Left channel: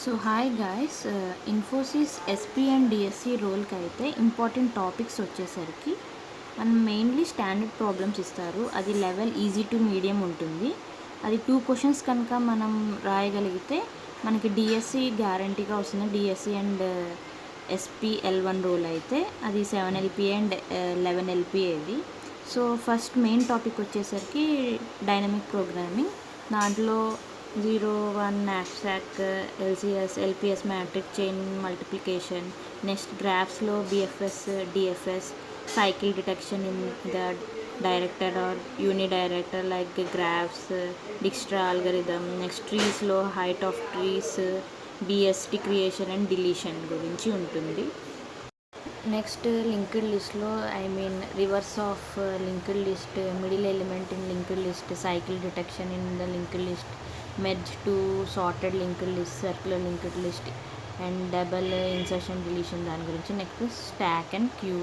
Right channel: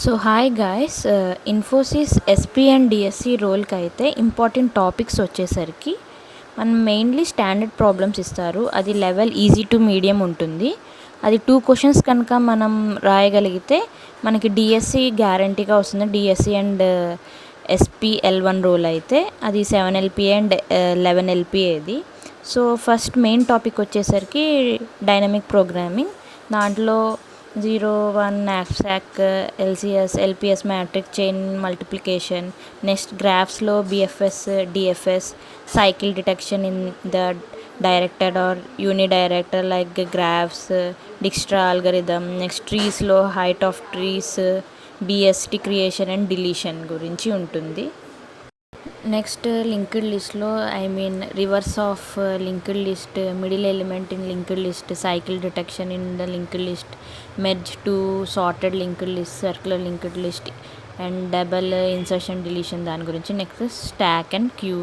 So hi guys, Infosys SP and DSC రోల్కి అయితే important topics వచ్చేసరికి మనం మెయిన్లీ స్టాండర్డ్ ప్రాబ్లమ్స్ ఇస్తారు. అది లెవెల్ ఈజీ టు మీడియం ఉంటుంది. అది 2 క్వశ్చన్స్ కనుక మనం రాయగలిగితే మనకి డిఎస్సి గ్యారంటీగా వస్తుంది. DSC and SP L1 role అయితే అది 7 LPA అండ్ 11 LPA ఇది. సో ఫస్ట్ మెయిన్ టాపిక్ వచ్చేసరికి డైనమిక్ ప్రోగ్రామింగ్. దాంట్లో 0, 1 knapsack, LCS, LPS matrix, chain multiplication, next graphs-లో BFS, DFS, cycle detection in the directed or unidirected like graphs, Dijkstra algorithm, next trees-లో height of trees, BST creation and deletion గురించి ఉంటుంది. Next linked లిస్ట్లో reverse of linked list, middle element in linked list, cycle detection in the linked list, merge to sorted linked list, circular linked list and double insertion deletion దాని గురించి. Next stock and Q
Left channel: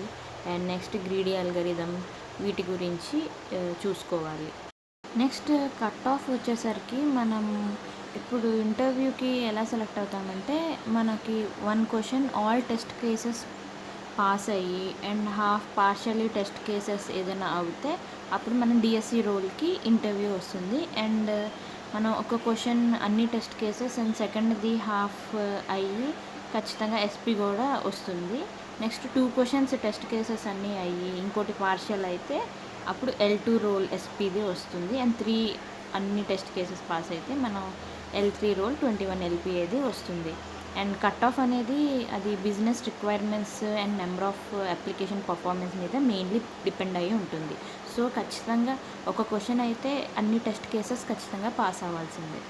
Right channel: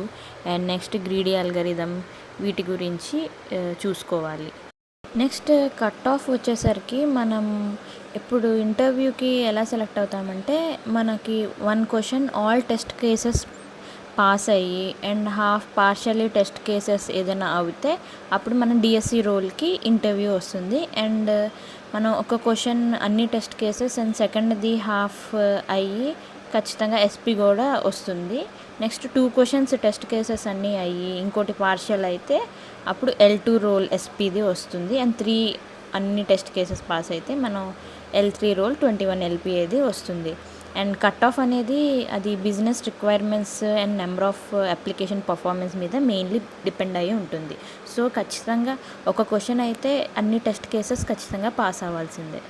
and next greedy algorithm వీటి గురించి చూసుకోవాలి. Next cut off వచ్చేసరికి మనం ఇప్పుడు ఇంటర్వ్యూకి ఎలా సెలెక్ట్ అవుతామంటే మనకి 1 question all test cases pass అయ్యి and half partially test cases ఏదైనా అవుతే అప్పుడు మనం డిఎస్సి రోల్కి ఇంటర్వ్యూ వస్తుంది. అండ్ మనం ఒక క్వశ్చన్ అన్ని టెస్ట్ కేసెస్ అండ్ సెకండ్ది హాఫ్ అయ్యి ఖచ్చితంగా ఎస్పీ కూడా వస్తుంది. నెక్స్ట్ 2 క్వశ్చన్స్ టెస్ట్ కేసెస్ అన్నీ అయ్యి ఇంకోటి పార్షియల్ అయితే అప్పుడు L2 రోల్ ఎస్పీది వస్తుంది. అండ్ 3 అన్ని టెస్ట్ కేసెస్ పాస్ అయితే మనం L3 రోల్ 21 LPAది వస్తుంది. అండ్ కట్ ఆఫ్ అనేది అది business requirements and number of application performance మీద మెయిన్లీ డిపెండ్ అయ్యి ఉంటుంది. సో ఖచ్చితంగా ఒక క్వశ్చన్ అయితే అన్ని టెస్ట్ కేసెస్ ఖచ్చితంగా పాస్ అవ్వాల్సిందే.